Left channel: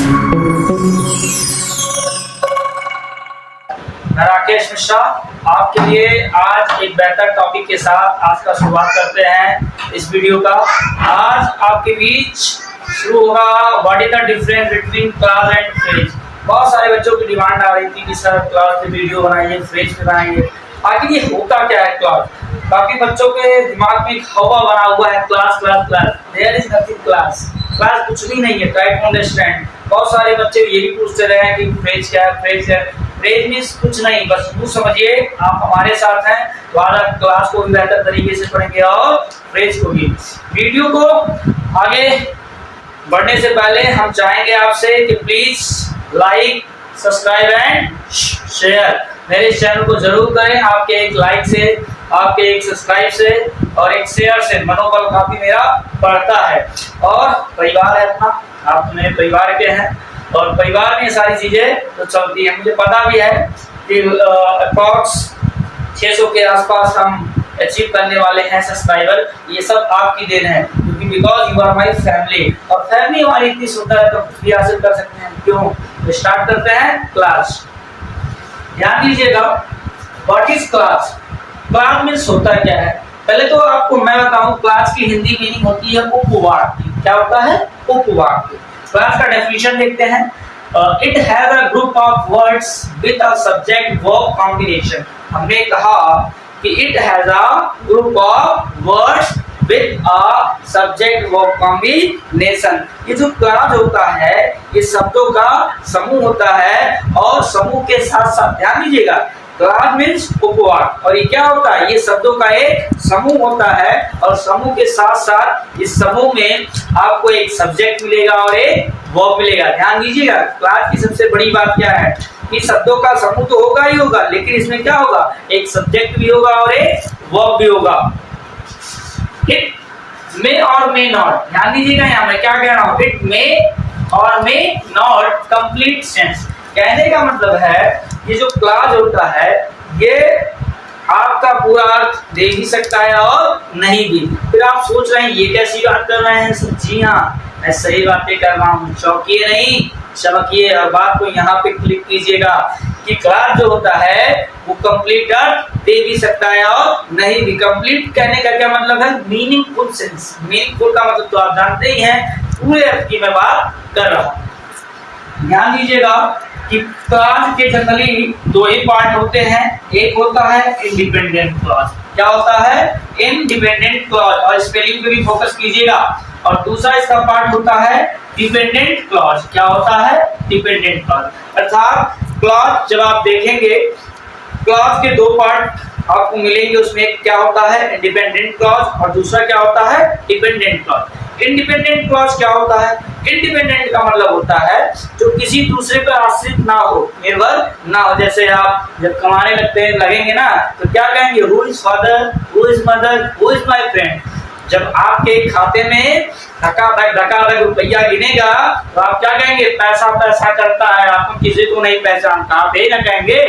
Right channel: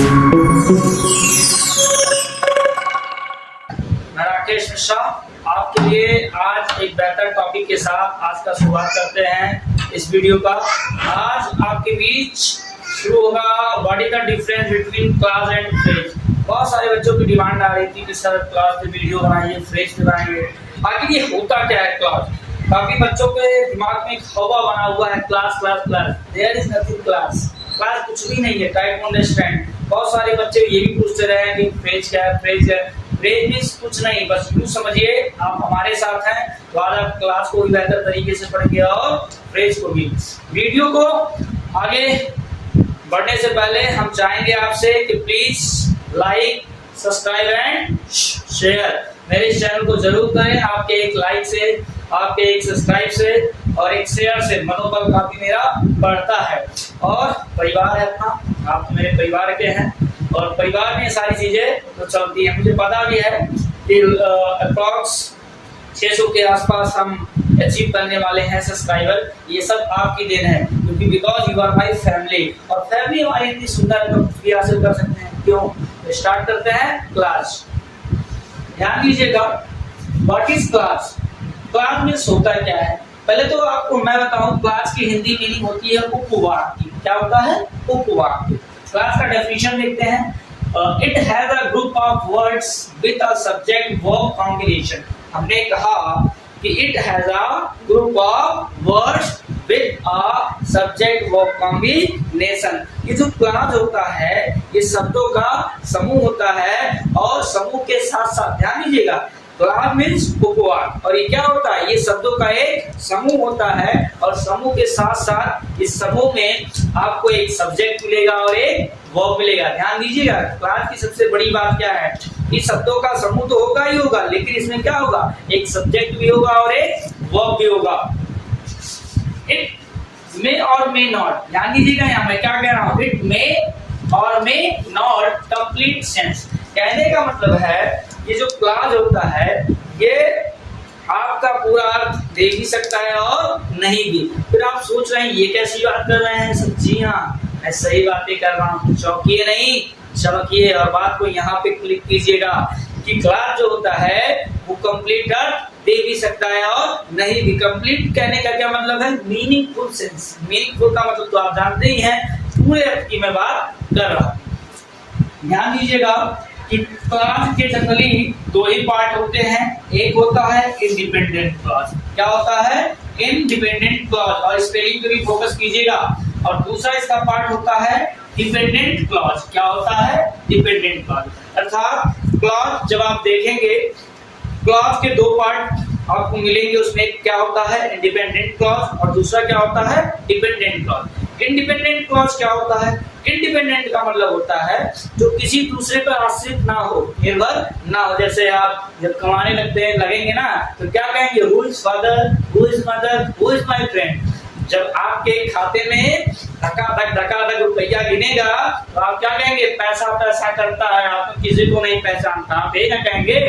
मैं राकेश मिश्रा आपके लिए आज एक बेहतर टॉपिक के साथ आज का शुरुआत करते हैं इस वीडियो का। आज आपके बीच शुरू होगा what is the difference between class and phrase. बहुत सारे बच्चों की डिमांड आ रही थी कि सर क्लास पे वीडियो बनाइए, फ्रेज पे बनाइए। आखिर ये होता क्या है क्लास? काफी बच्चों के दिमाग में एक हवा बना हुआ है class class class. There is nothing class. Class कुछ भी नहीं है। Try to understand. बहुत सारे बच्चे ये भी पूछते रहे हैं कि फ्रेज क्या है, फ्रेज है। फ्रेज मींस कुछ नहीं, बस यूं समझिए आप हमारे साथ हैं तो आज आप क्लास को भी बेहतर तरीके से पढ़ेंगे और फ्रेज को भी। वीडियो को आगे बढ़ने से पहले हम चाहेंगे आपसे कि please like, subscribe and share मेरे इस चैनल को जरूर करें। आपके एक लाइक से, आपके एक सब्सक्राइब से और एक शेयर से मनोबल काफी मेरा बढ़ता है। और परिवार है अपना, आप तो मेरे परिवार के हैं और परिवार में सारी चीजें तो चलती है। मुझे पता भी है कि अप्रॉक्स 600 के आसपास हम अचीव करने वाले हैं सब्सक्राइबर। ये सब आपकी देन है क्योंकि because you are my family. और फैमिली हमारी इतनी सुंदर है तो कुछ भी हासिल कर सकते हैं। क्यों? तो स्टार्ट करते हैं क्लास। ध्यान दीजिएगा, what is class? Class means होता क्या है? पहले तो आपको मैं बताऊं, क्लास की हिंदी मीनिंग होती है उपवाक्य। क्या होता है? उपवाक्य। क्लास का डेफिनेशन देखते हैं। It has a group of words with a subject verb combination. हमने कहा कि it has a group of words with a subject verb combination. ये जो क्लास होता है ये शब्दों का समूह होता है और समूह के साथ साथ ध्यान दीजिएगा, क्लास मीन्स उपवाक्य। और ये क्या होता है? ये शब्दों का एक समूह होता है और समूह के साथ साथ इस समूह में आपको एक सब्जेक्ट मिलेगा और एक वर्ब मिलेगा। ध्यान दीजिएगा, क्लास की सबसे बड़ी बात क्या है कि शब्दों का समूह तो होगा ही होगा, लेकिन इसमें क्या होगा? एक सब्जेक्ट भी होगा और एक वर्ब भी होगा। इट मे और मे नॉट। ध्यान दीजिएगा, यहाँ मैं क्या कह रहा हूँ? इट मे और मे नॉट कंप्लीट सेंस। कहने का मतलब है ये जो क्लास होता है ये आपका पूरा अर्थ दे भी सकता है और नहीं भी। फिर आप सोच रहे हैं ये कैसी बात कर रहे हैं सर? जी हाँ, मैं सही बातें कर रहा हूँ। चौंकिए नहीं, चमकिए। हर बात को यहाँ पे क्लिक कीजिएगा कि क्लास जो होता है वो कंप्लीट अर्थ दे भी सकता है और नहीं भी। कंप्लीट कहने का क्या मतलब है? Meaningful sense. मीनिंगफुल का मतलब तो आप जानते ही हैं, पूरे अर्थ की मैं बात कर रहा हूँ। ध्यान दीजिएगा कि क्लास के जनरली दो ही पार्ट होते हैं। एक होता है इंडिपेंडेंट क्लॉज। क्या होता है? Independent clause. और स्पेलिंग पे भी फोकस कीजिएगा। और दूसरा इसका पार्ट होता है डिपेंडेंट क्लॉज। क्या होता है? Dependent clause. अर्थात क्लॉज जब आप देखेंगे, क्लॉज के दो पार्ट आपको मिलेंगे। उसमें एक क्या होता है? इंडिपेंडेंट क्लॉज और दूसरा क्या होता है? Dependent clause. इंडिपेंडेंट क्लॉज क्या होता है? इंडिपेंडेंट का मतलब होता है जो किसी दूसरे पर आश्रित ना हो, निर्भर ना हो। जैसे आप जब कमाने लगेंगे ना तो क्या कहेंगे? Who is father, who is mother, who is my friend. जब आपके खाते में धकाधक रुपया गिनेगा तो आप क्या कहेंगे? पैसा पैसा करता है, आप किसी को नहीं पहचानता। आप ये ना कहेंगे?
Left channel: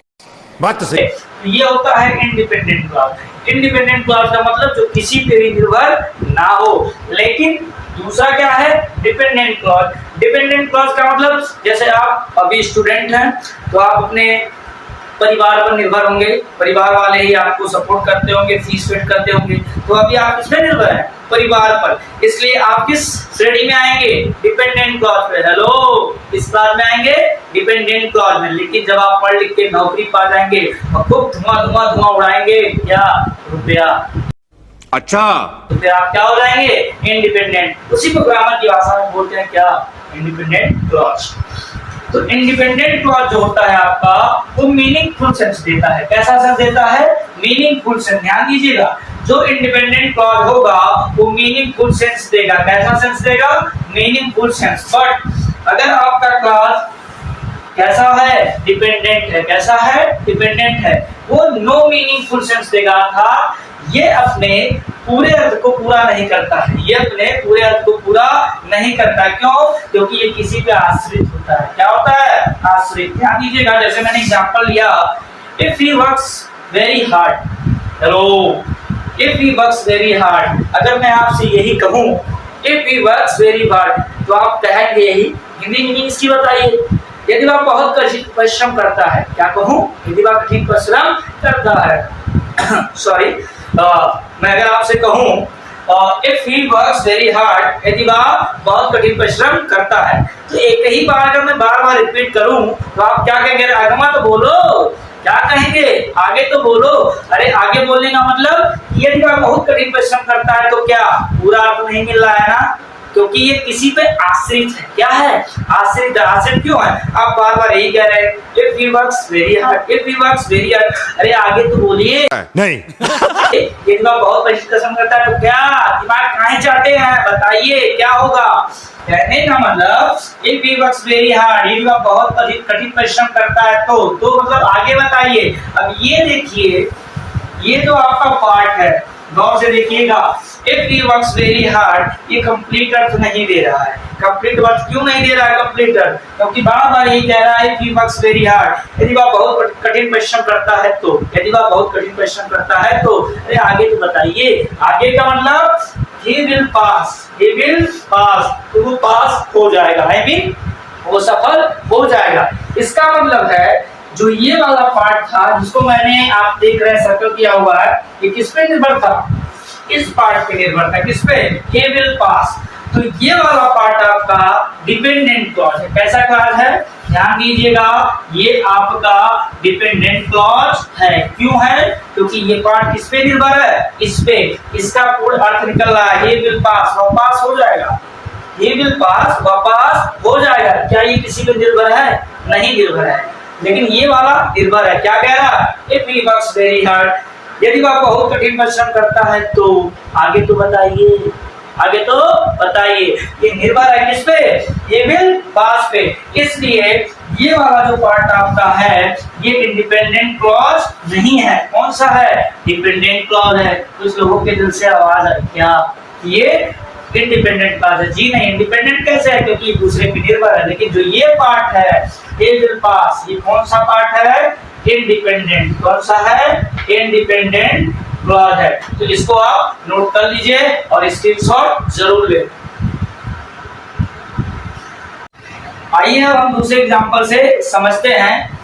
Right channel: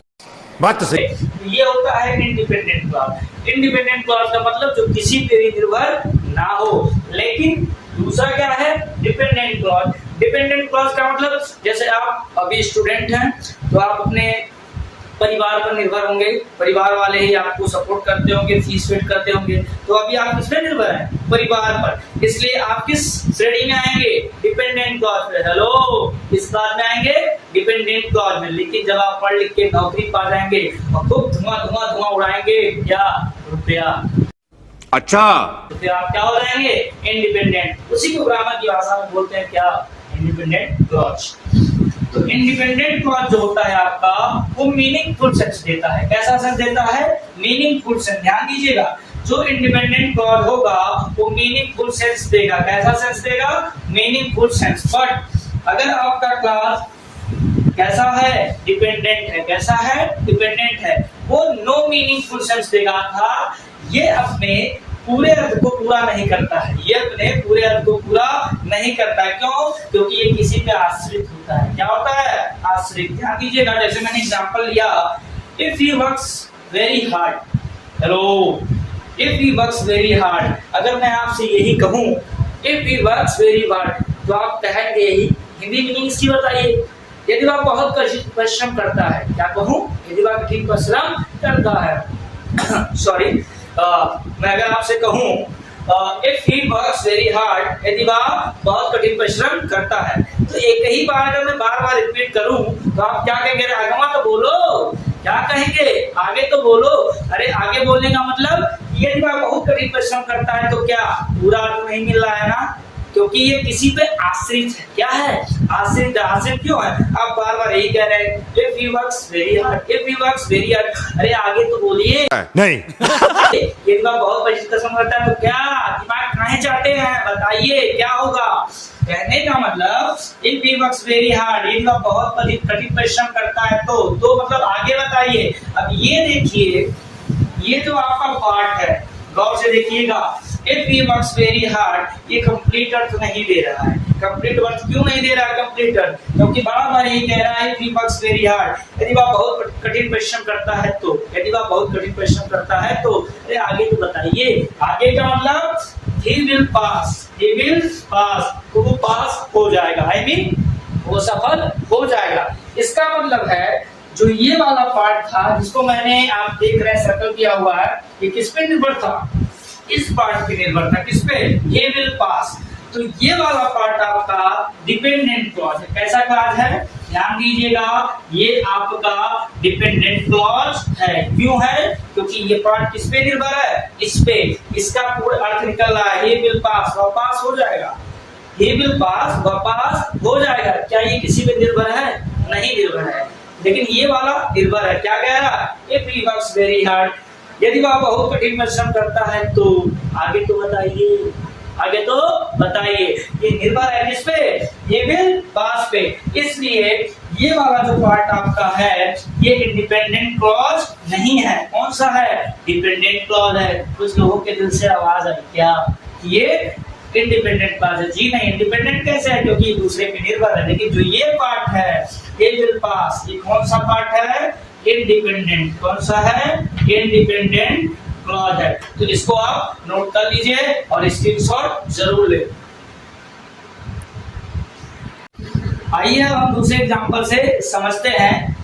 बात तो सही। ये होता है इंडिपेंडेंट क्लॉज। इंडिपेंडेंट क्लॉज का मतलब जो किसी पे भी निर्भर ना हो। लेकिन दूसरा क्या है? Dependent clause. डिपेंडेंट क्लॉज का मतलब जैसे आप अभी स्टूडेंट हैं तो आप अपने परिवार पर निर्भर होंगे, परिवार वाले ही आपको सपोर्ट करते होंगे, फीस पेड करते होंगे। तो अभी आप किसमें निर्भर हैं? परिवार पर। इसलिए आप किस श्रेणी में आएंगे? डिपेंडेंट क्लॉज पे। हेलो, इस क्लास में आएंगे डिपेंडेंट क्लॉज में। लेकिन जब आप पढ़ लिख के नौकरी पा जाएंगे और खूब धुआं उड़ाएंगे, क्या? रुपया। अच्छा, तो फिर आप क्या हो जाएंगे? इंडिपेंडेंट। उसी को ग्रामर की भाषा में बोलते हैं क्या? Independent clause. तो इंडिपेंडेंट क्लॉज जो होता है आपका वो मीनिंगफुल सेंस देता है। कैसा सेंस देता है? Meaningful sense. ध्यान दीजिएगा, जो इंडिपेंडेंट क्लॉज होगा वो मीनिंगफुल सेंस देगा। कैसा सेंस देगा? Meaningful sense. बट अगर आपका क्लॉज कैसा है? डिपेंडेंट है। कैसा है? डिपेंडेंट है। वो नो मीनिंगफुल सेंस देगा था। ये अपने पूरे अर्थ को पूरा नहीं करता है। ये अपने पूरे अर्थ को पूरा नहीं करता। क्यों? क्योंकि ये किसी पे आश्रित होता है। क्या होता है? आश्रित। ध्यान दीजिएगा, जैसे मैंने एग्जांपल लिया, if he works very hard. Hello, if he works very hard. अगर मैं आपसे यही कहूं if he works very hard तो आप कहेंगे यही हिंदी मीनिंग इसकी बताइए। यदि वह बहुत कठिन परिश्रम करता है, क्या कहूँ, यदि वह कठिन परिश्रम करता है सॉरी, मैं अगर आपसे कहूँ if he works very hard, यदि वह बहुत कठिन परिश्रम करता है, तो एक ही बार अगर मैं बार बार रिपीट करूं तो आप क्या कहेंगे, आगमा तो बोलो, क्या कहेंगे, आगे तो बोलो। अरे आगे बोलने का मतलब यदि वह बहुत कठिन परिश्रम करता है तो क्या पूरा अर्थ नहीं मिल रहा है ना, क्योंकि ये किसी पे आश्रित है। क्या है, आश्रित। आश्रित क्यों है, आप बार बार यही कह रहे हैं if he works very hard, if he works very hard. अरे आगे तो बोलिए नहीं यदि वह बहुत परिश्रम करता है तो क्या, दिमाग कहाँ जाते हैं, बताइए क्या होगा। कहने का मतलब if he works very hard, यदि वह बहुत कठिन परिश्रम करता है तो मतलब आगे बताइए। अब ये देखिए, ये जो आपका पार्ट है, गौर से देखिएगा, if he works very hard, ये कंप्लीट अर्थ नहीं दे रहा है। कंप्लीट अर्थ क्यों नहीं दे रहा है कंप्लीट अर्थ, क्योंकि बार बार ये कह रहा है if he works very hard, यदि वह बहुत कठिन परिश्रम करता है तो, यदि वह बहुत कठिन परिश्रम करता है तो। अरे आगे तो बताइए, आगे का मतलब he will pass, he will pass, तो वो पास हो जाएगा, I mean वो सफल हो जाएगा। इसका मतलब है जो ये वाला पार्ट था जिसको मैंने, आप देख रहे हैं सर्कल किया हुआ है, ये किस पे निर्भर था, इस पार्ट पे निर्भर था, किस पे, he will pass। तो ये वाला पार्ट आपका डिपेंडेंट क्लॉज है। कैसा क्लॉज है, ध्यान दीजिएगा, ये आपका डिपेंडेंट क्लॉज है। क्यों है, क्योंकि ये पार्ट किस पे निर्भर है, इस पे। इसका पूर्ण अर्थ निकल रहा है he will pass, वह पास हो जाएगा, he will pass, वह पास हो जाएगा। क्या ये किसी पे निर्भर है, नहीं निर्भर है, लेकिन ये वाला निर्भर है। क्या कह रहा है, if he works very hard, यदि वह बहुत कठिन परिश्रम करता है तो। आगे तो बताइए, आगे तो बताइए, ये निर्भर है किस पे, ये विल पास पे। इसलिए ये वाला जो पार्ट आपका है ये इंडिपेंडेंट क्लॉज नहीं है। कौन सा है, डिपेंडेंट क्लॉज है। कुछ लोगों के दिल से आवाज आई क्या, ये इंडिपेंडेंट क्लॉज है। जी नहीं, इंडिपेंडेंट कैसे है, क्योंकि दूसरे पे निर्भर है। लेकिन जो ये पार्ट है ये विल पास, ये कौन सा पार्ट है, इंडिपेंडेंट। कौन सा है, इंडिपेंडेंट क्लॉज है। तो इसको आप नोट कर लीजिए और स्क्रीनशॉट जरूर ले। आइए अब हम दूसरे एग्जांपल से समझते हैं।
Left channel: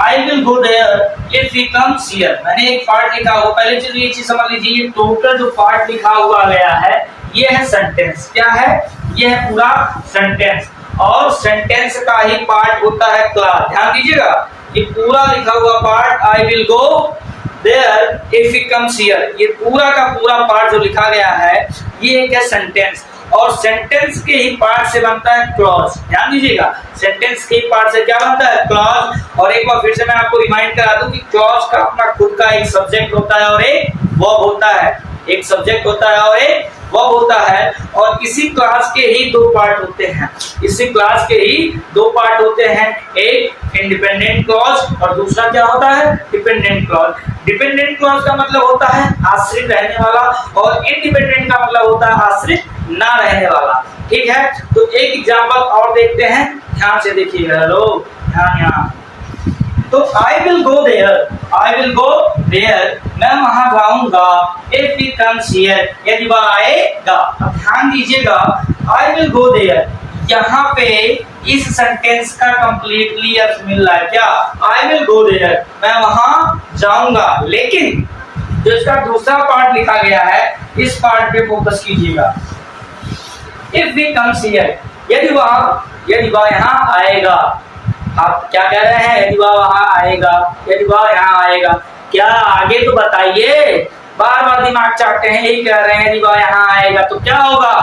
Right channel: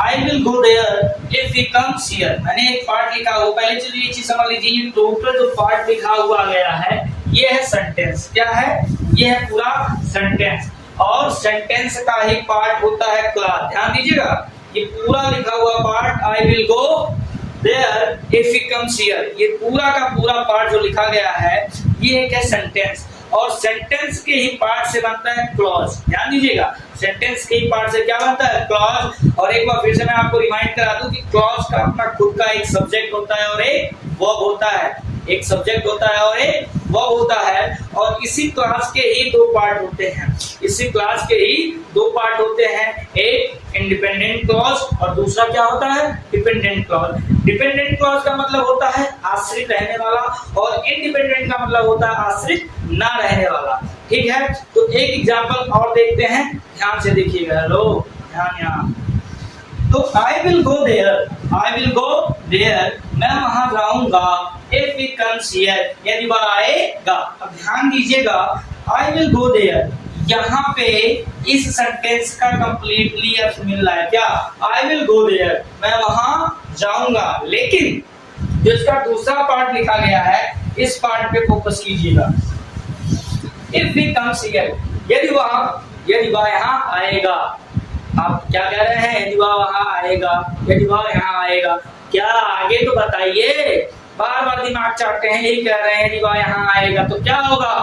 I will go there if he comes here. मैंने एक पार्ट लिखा हुआ, पहले चलिए ये चीज समझ लीजिए, ये टोटल जो पार्ट लिखा हुआ गया है ये है सेंटेंस। क्या है, ये है पूरा सेंटेंस, और सेंटेंस का ही पार्ट होता है क्लॉज। ध्यान दीजिएगा, ये पूरा लिखा हुआ part I will go there if he comes here, ये पूरा का पूरा पार्ट जो लिखा गया है ये एक है सेंटेंस, और सेंटेंस के ही पार्ट से बनता है क्लॉज। ध्यान दीजिएगा, सेंटेंस के ही पार्ट से क्या बनता है, क्लॉज। और एक बार फिर से मैं आपको रिमाइंड करा दूं कि क्लॉज का अपना खुद का एक सब्जेक्ट होता है और एक वर्ब होता है। एक सब्जेक्ट होता है और एक वर्ब होता है, और इसी क्लास के ही दो पार्ट होते हैं। इसी क्लास के ही दो पार्ट होते हैं, एक इंडिपेंडेंट क्लॉज और दूसरा क्या होता है, डिपेंडेंट क्लॉज। डिपेंडेंट क्लॉज का मतलब होता है आश्रित रहने वाला, और इंडिपेंडेंट का मतलब होता है आश्रित ना रहने वाला। ठीक है, तो एक एग्जांपल और देखते हैं, ध्यान से देखिएगा। हेलो, ध्यान यहाँ। तो I will go there, I will go there, मैं वहां जाऊंगा। इफ ही कम्स हियर, यदि वह आएगा। अब ध्यान दीजिएगा, आई विल गो देयर, यहाँ पे इस सेंटेंस का कंप्लीटली अर्थ मिल रहा है। क्या, आई विल गो देयर, मैं वहां जाऊंगा। लेकिन जो इसका दूसरा पार्ट लिखा गया है इस पार्ट पे फोकस कीजिएगा। इफ ही कम्स हियर, यदि वह यहाँ आएगा। आप क्या कह रहे हैं, यदि वह वहां आएगा, यदि वह यहाँ आएगा। क्या, आगे तो बताइए, बार बार दिमाग चाटते हैं, यही कह रहे हैं यदि वह यहाँ आएगा तो क्या होगा।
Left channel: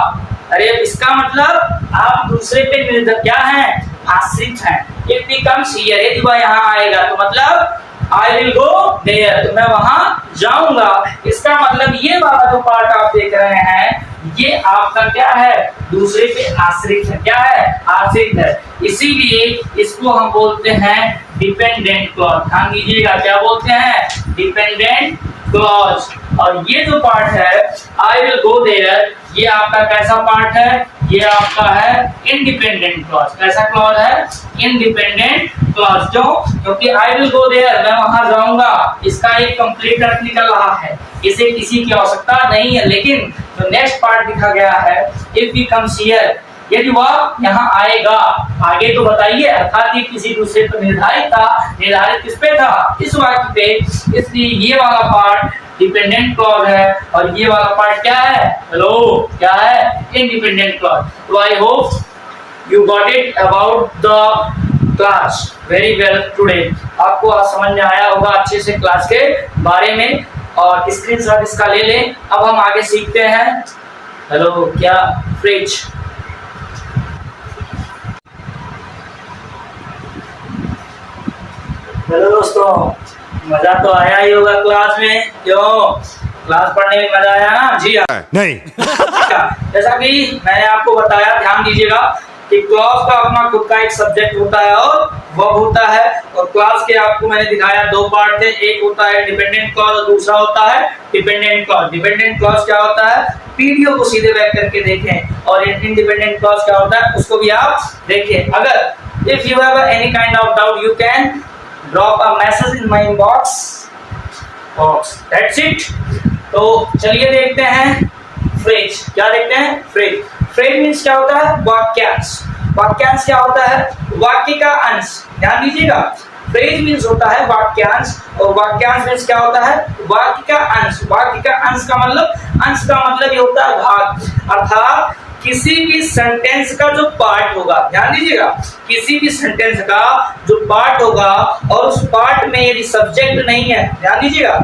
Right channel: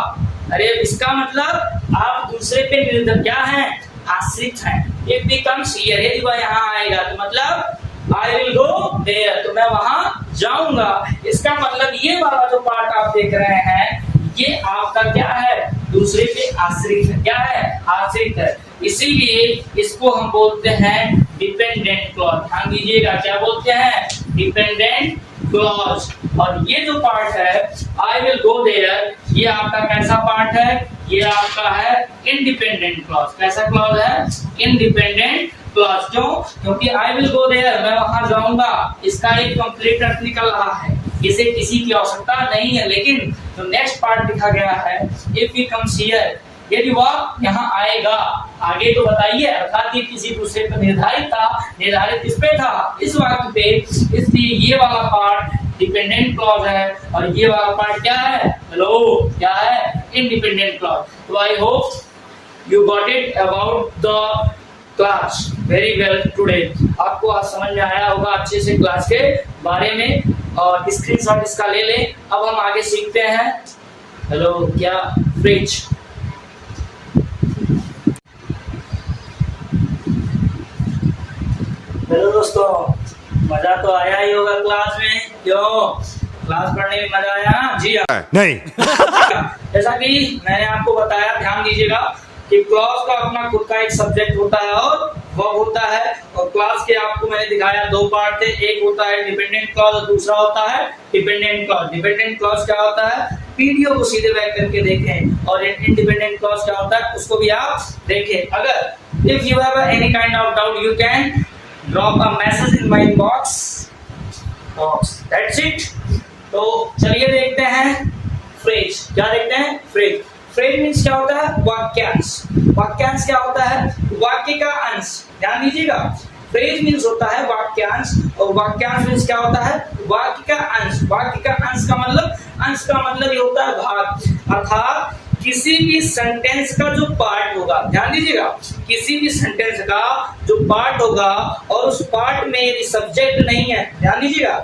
अरे इसका मतलब आप दूसरे पे निर्भर क्या है, आश्रित हैं। इफ ही कम्स हियर, यदि वह यहाँ आएगा तो मतलब आई विल गो देयर, तो मैं वहां जाऊंगा। इसका मतलब ये वाला जो पार्ट आप देख रहे हैं ये आपका क्या है, दूसरे पे आश्रित है। क्या है, आश्रित है। इसीलिए इसको हम बोलते हैं डिपेंडेंट क्लॉज। ध्यान दीजिएगा, क्या बोलते हैं, डिपेंडेंट क्लॉज। और ये जो पार्ट है आई विल गो देयर, ये आपका कैसा पार्ट है, ये आपका है इंडिपेंडेंट क्लॉज। कैसा क्लॉज है, इंडिपेंडेंट क्लॉज। क्यों, क्योंकि आई विल गो देयर, मैं वहां जाऊंगा, इसका एक कंप्लीट अर्थ निकल रहा है, इसे किसी की आवश्यकता नहीं है। लेकिन जो नेक्स्ट पार्ट लिखा गया है इफ ही कम्स हियर, यदि वह यहाँ आएगा, आगे तो बताइए, अर्थात ये किसी दूसरे पर निर्धारित था, निर्धारित किस पे था, इस वाक्य पे, इसलिए ये वाला पार्ट डिपेंडेंट क्लॉज है और ये वाला पार्ट क्या है, हेलो, क्या है, इंडिपेंडेंट क्लॉज। तो I hope you got it about the class very well today. आपको आज समझ में आया होगा अच्छे से क्लास के बारे में, और स्क्रीनशॉट इसका ले लें। अब हम आगे सीखते हैं, हेलो, क्या, फ्रिज। हेलो दोस्तों, मजा तो आया ही होगा क्लास में, क्यों, क्लास पढ़ने में मजा आया ना? जी हाँ। नहीं। जैसा कि मैंने आपको बताया, ध्यान दीजिएगा कि क्लॉज का अपना खुद का एक सब्जेक्ट होता है और वर्ब होता है, और क्लॉज के आपको मैंने दिखाया दो पार्ट थे, एक होता है डिपेंडेंट क्लॉज और दूसरा होता है डिपेंडेंट क्लॉज। डिपेंडेंट क्लॉज क्या होता है, वीडियो को सीधे बैक करके देखें, और इंडिपेंडेंट क्लॉज क्या होता है उसको भी आप देखें। अगर if you have any kind of doubt you can drop a message in my inbox box, that's it. तो चलिए देखते हैं फ्रेज। क्या देखते हैं, फ्रेज। फ्रेज मीन्स क्या होता है, वाक्यांश। वाक्यांश क्या होता है, वाक्य का अंश। ध्यान दीजिएगा, फ्रेज मीन्स होता है वाक्यांश, और वाक्यांश मीन्स क्या होता है, वाक्य का अंश। वाक्य का अंश का मतलब, अंश का मतलब ये होता है भाग, अर्थात किसी भी सेंटेंस का जो पार्ट होगा, ध्यान दीजिएगा, किसी भी सेंटेंस का जो पार्ट होगा और उस पार्ट में यदि सब्जेक्ट नहीं है, ध्यान दीजिएगा,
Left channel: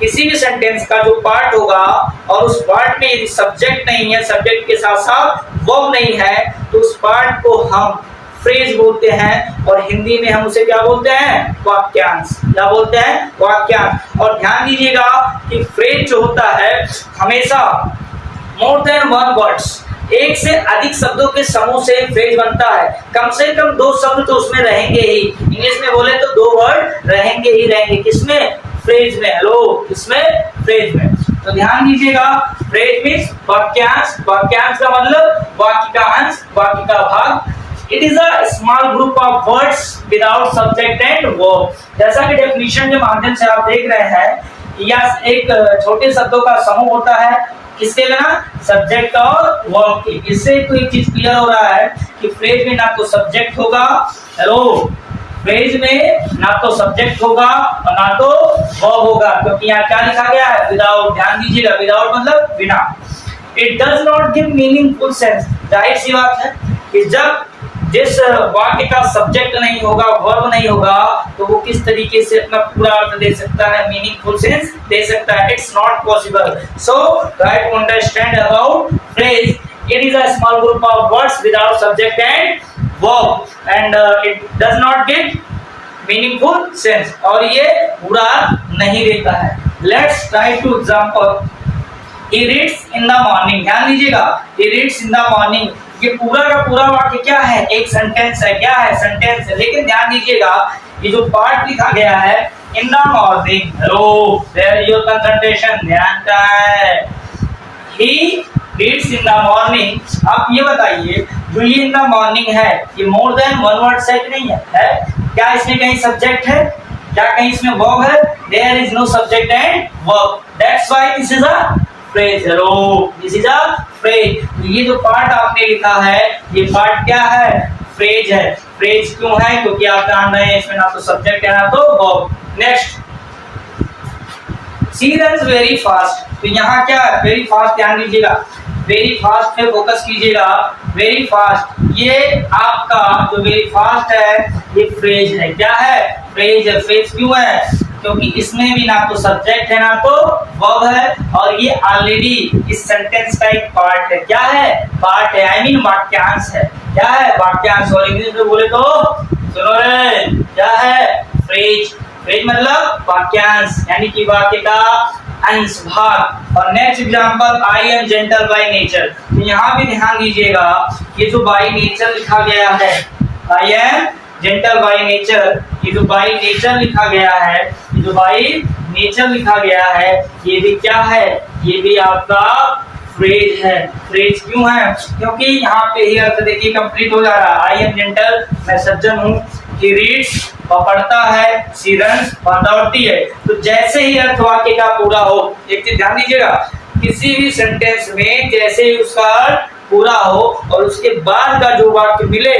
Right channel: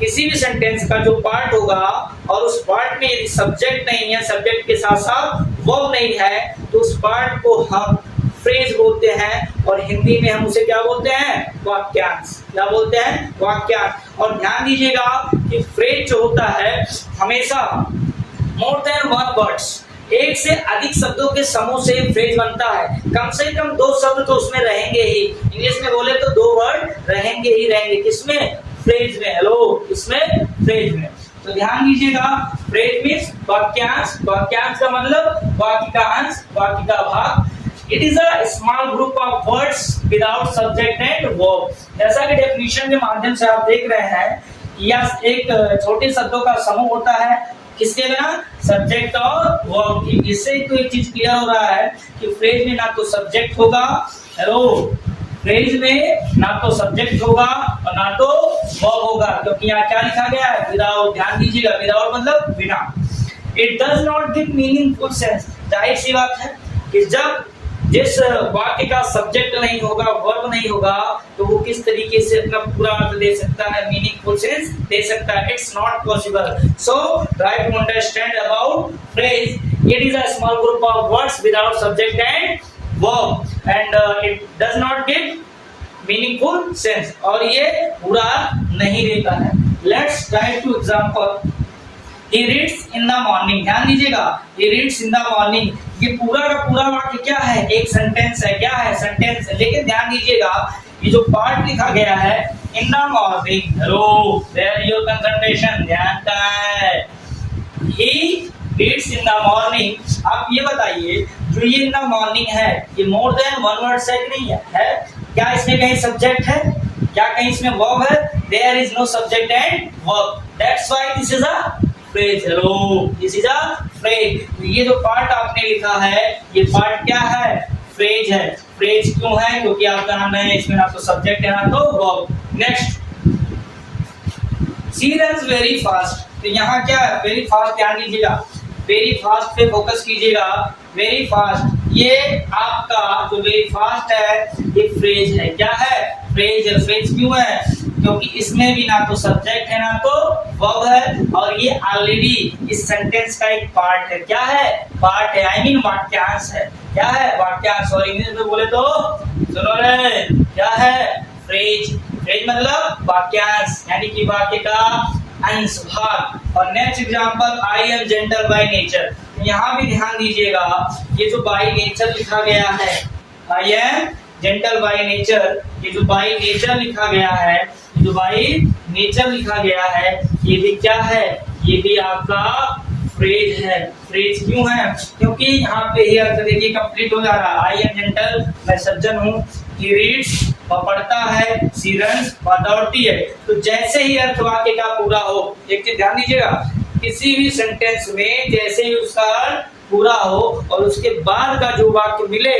किसी भी सेंटेंस का जो पार्ट होगा और उस पार्ट में यदि सब्जेक्ट नहीं है, सब्जेक्ट के साथ साथ वर्ब नहीं है, तो उस पार्ट को हम फ्रेज बोलते हैं, और हिंदी में हम उसे क्या बोलते हैं, वाक्यांश। क्या बोलते हैं, वाक्यांश। और ध्यान दीजिएगा कि फ्रेज जो होता है हमेशा मोर देन वन वर्ड्स, एक से अधिक शब्दों के समूह से फ्रेज बनता है। कम से कम दो शब्द तो उसमें रहेंगे ही, इंग्लिश में बोले तो दो वर्ड रहेंगे ही रहेंगे, किसमें, फ्रेज में। हेलो, किसमें, फ्रेज में। तो ध्यान दीजिएगा, फ्रेज मींस वाक्यांश। वाक्यांश का मतलब वाक्य का अंश, वाक्य का भाग। It is a small group of words without subject and verb. जैसा कि डेफिनेशन के माध्यम से आप देख रहे हैं, यह एक छोटे शब्दों का समूह होता है, किसके बिना, सब्जेक्ट और वर्ब की। इससे तो एक चीज क्लियर हो रहा है कि फ्रेज में ना तो सब्जेक्ट होगा, हेलो, फ्रेज में ना तो सब्जेक्ट होगा और ना तो वर्ब होगा, क्योंकि यहाँ क्या लिखा गया है, विदाउट। ध्यान दीजिएगा, विदाउट मतलब बिना। It does not give meaningful sense. जाहिर सी बात है कि जब जिस वाक्य का सब्जेक्ट नहीं होगा, वर्ब नहीं होगा, तो वो किस तरीके से अपना पूरा अर्थ दे सकता है, मीनिंगफुल सेंस दे सकता है। It's not possible. So try to understand about phrase. It is a small group of words without subject and verb, and it does not give meaningful sense, और ये पूरा नहीं देता है। Let's try to example. He reads in the morning। ध्यान दीजिएगा, he reads in the morning, ये पूरा का पूरा वाक्य क्या है, एक सेंटेंस है। क्या है, सेंटेंस है। लेकिन ध्यान दीजिएगा, ये जो पार्ट लिखा गया है in the morning, hello, where your concentration, ध्यान का है, he reads in the morning। आप ये बताइए, जो ये in the morning है, ये more than one word है कि नहीं है? क्या इसमें कहीं सब्जेक्ट है, क्या कहीं इसमें वर्ब है? There is no subject and verb, that's why this is a phrase. Hello, this is a phrase. ये जो पार्ट आपने लिखा है, ये पार्ट क्या है, फ्रेज है। फ्रेज क्यों है, क्योंकि आप जान रहे हैं इसमें ना तो सब्जेक्ट है ना तो verb. Next, she runs very fast. तो यहाँ क्या है, वेरी फास्ट। ध्यान दीजिएगा, वेरी फास्ट पे फोकस कीजिएगा। वेरी फास्ट, ये आपका जो वेरी फास्ट है, ये फ्रेज है। क्या है, फ्रेज है। फ्रेज क्यों है, क्योंकि इसमें भी ना तो सब्जेक्ट है ना तो वर्ब है, और ये ऑलरेडी इस सेंटेंस का एक पार्ट है। क्या है, पार्ट है, आई मीन वाक्यांश है। क्या है, वाक्यांश। और इंग्लिश में बोले तो सुनो रे, क्या है, फ्रेज। फ्रेज मतलब वाक्यांश, यानी कि वाक्य का अंश, भाग। और next example, I am gentle by nature. तो यहाँ भी ध्यान दीजिएगा, ये जो बाय नेचर लिखा गया है, I am gentle by nature, ये जो बाय नेचर लिखा गया है, ये जो बाय नेचर लिखा गया है, ये भी क्या है, ये भी आपका फ्रेज है। फ्रेज क्यों है, क्योंकि यहाँ पे ही अर्थ देखिए कंप्लीट हो जा रहा है। आई एम जेंटल, मैं सज्जन हूँ। ही रीड्स, वह पढ़ता है। शी रन्स, वह दौड़ती है। तो जैसे ही अर्थ वाक्य का पूरा हो, एक चीज ध्यान दीजिएगा, किसी भी सेंटेंस में जैसे ही उसका अर्थ पूरा हो और उसके बाद का जो वाक्य मिले,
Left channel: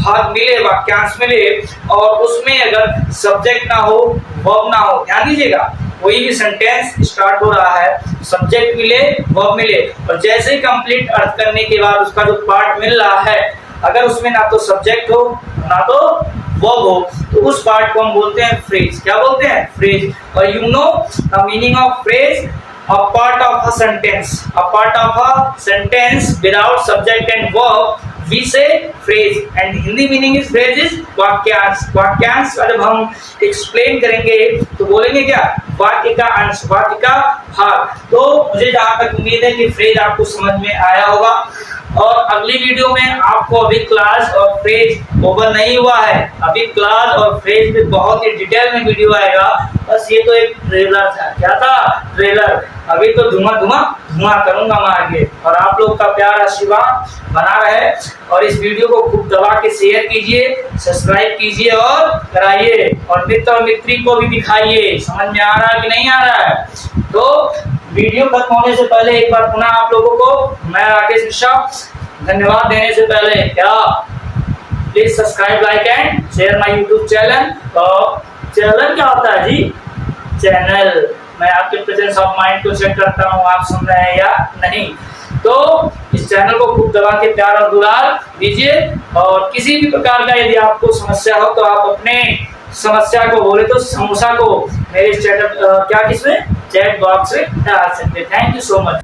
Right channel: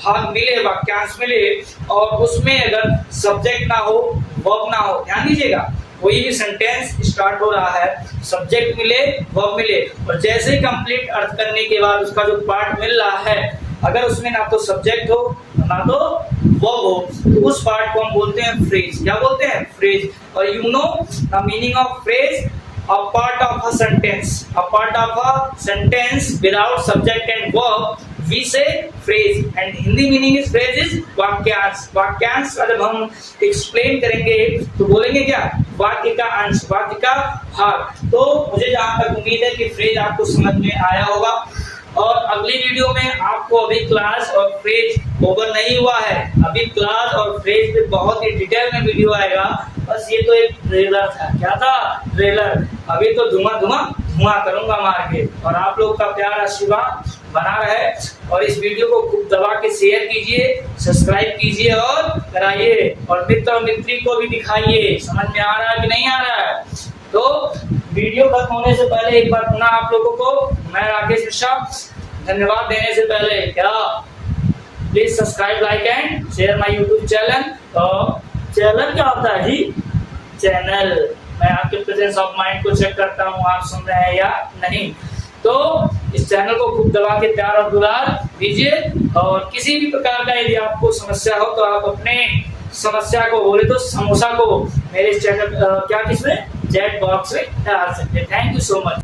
भाग मिले, वाक्यांश मिले और उसमें अगर सब्जेक्ट ना हो, वर्ब ना हो, ध्यान दीजिएगा कोई भी सेंटेंस स्टार्ट हो रहा है, सब्जेक्ट मिले, वर्ब मिले और जैसे ही कंप्लीट अर्थ करने के बाद उसका जो पार्ट मिल रहा है, अगर उसमें ना तो सब्जेक्ट हो ना तो वर्ब हो, तो उस पार्ट को हम बोलते हैं फ्रेज। क्या बोलते हैं? फ्रेज। और you know the meaning of phrase, a part of a sentence, a part of a sentence without subject and verb we say phrase, and Hindi meaning इस phrase is वाक्यांश। वाक्यांश का जब हम एक्सप्लेन करेंगे तो बोलेंगे क्या? वाक्य का अंश, वाक्य का भाग। तो मुझे जहां तक उम्मीद है कि फ्रेज आपको समझ में आया होगा और अगली वीडियो में आपको अभी क्लास और फ्रेज ओवर नहीं हुआ है, अभी क्लास और फ्रेज पे बहुत ही डिटेल में वीडियो आएगा। बस ये तो एक ट्रेलर था। क्या था? ट्रेलर। अभी तो धुआं करूंगा मैं आगे। और आप लोग का प्यार आशीर्वाद बना रहे और इस वीडियो को खूब दबा के शेयर कीजिए, सब्सक्राइब कीजिए और कराइए और मित्र और मित्री को भी दिखाइए। समझ में आ रहा है कि नहीं आ रहा है? तो वीडियो खत्म होने से पहले एक बार पुनः आप लोगों को मैं राकेश मिश्रा धन्यवाद देने से पहले क्या please subscribe, like and share my YouTube channel. और चैनल क्या होता है जी? चैनल। मैं आपके प्रेजेंस ऑफ माइंड को चेक करता हूँ आप सुन रहे हैं या नहीं। तो इस चैनल को खूब दबा के प्यार और दुलार दीजिए और किसी भी प्रकार का यदि आपको समस्या हो तो आप अपने समस्या को बोले तो समोसा को मेरे चैट बॉक्स में डाल सकते हैं। Thank you so much.